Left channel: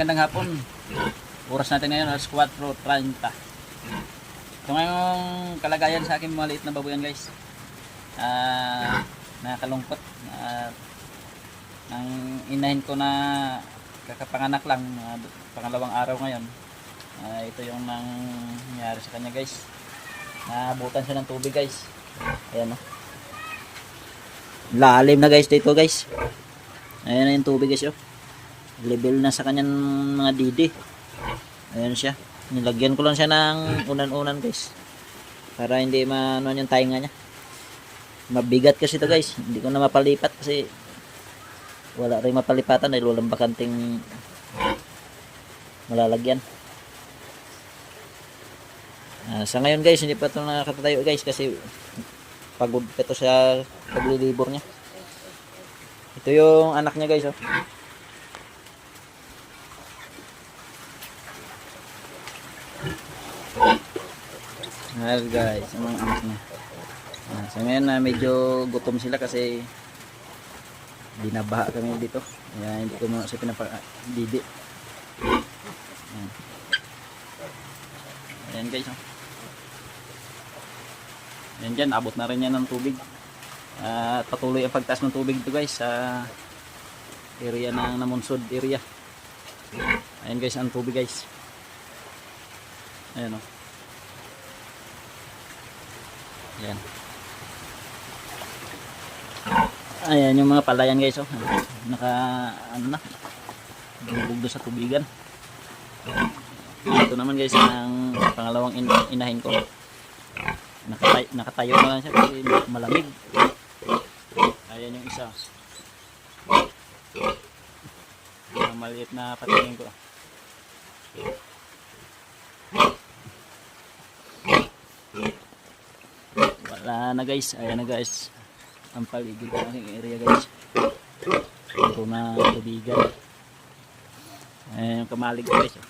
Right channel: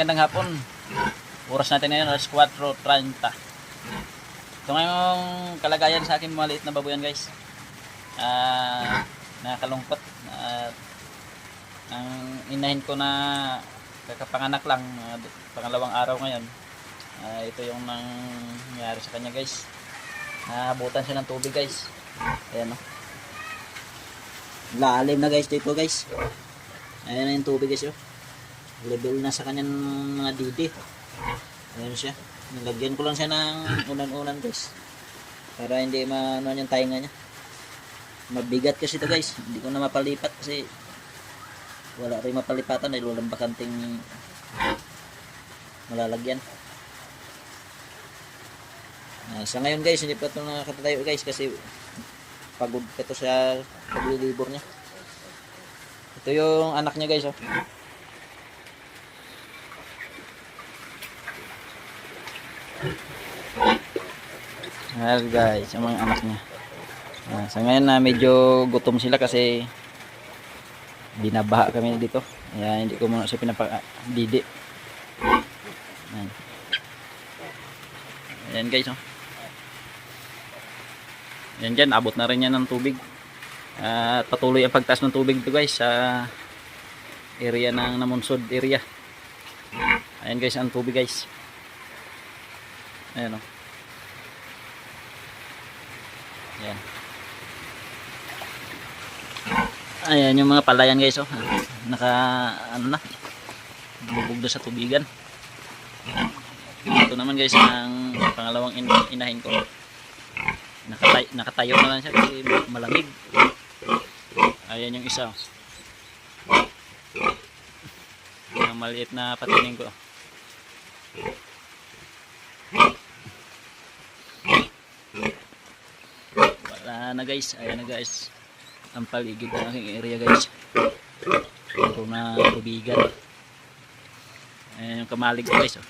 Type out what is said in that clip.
Magandang hapon. Oras natin ngayon alas 4:30. So ngayong kalagayan sa akin maliit na babuyan guys. Nakakalungkot. Ang inahin ko na kakapanganak lang, pangalawang araw ngayon. Ito yung nangyari sa kanya guys. Naabutan siya ng tubig guys. Ayan o. Lalim na guys dito guys. Ayan na yung tubig guys o. Level na sa kanyang mga didi. Ayan siya. Nilagyan ko lang siya ng unan-unan guys. Para hindi maano yung tainga niya. Mabigat kasi ito guys. Hindi ko na mapalipat kasi wala rin mapalipatan dahil walang bakanting malalagyan. Sa ngayon guys, hindi pa ito nakatatayo guys kasi pagod pa ito sa paglilibor niya. Ito yung anak niya guys oh. Ayan guys, yung mga anak niya. Sa ngayon na medyo gutom sila kasi binabaha kami dito. Kaya hindi ko muna siya pinapakadidi. Ayan guys. Oh. Ayan dyan, abot na rin yan ng tubig. At patuloy ang pagtaas ng tubig dito guys sa area ng Namunsod area. Ayan guys, ang tubig guys. Ayan o. Ayan. Ayan yung mga palayan guys oh. Naka ano na. Bubog na sa tubigan. Ito naman guys ang pangalawang inahin ko. Nakatayo na lang siya kasi malamig. Ayan yung isa. Yung maliit na patining ko. Wala na guys. Ayan na guys. Ang paligid ng aking area guys. Ito na tubigan. Ayan yung kamalig guys oh.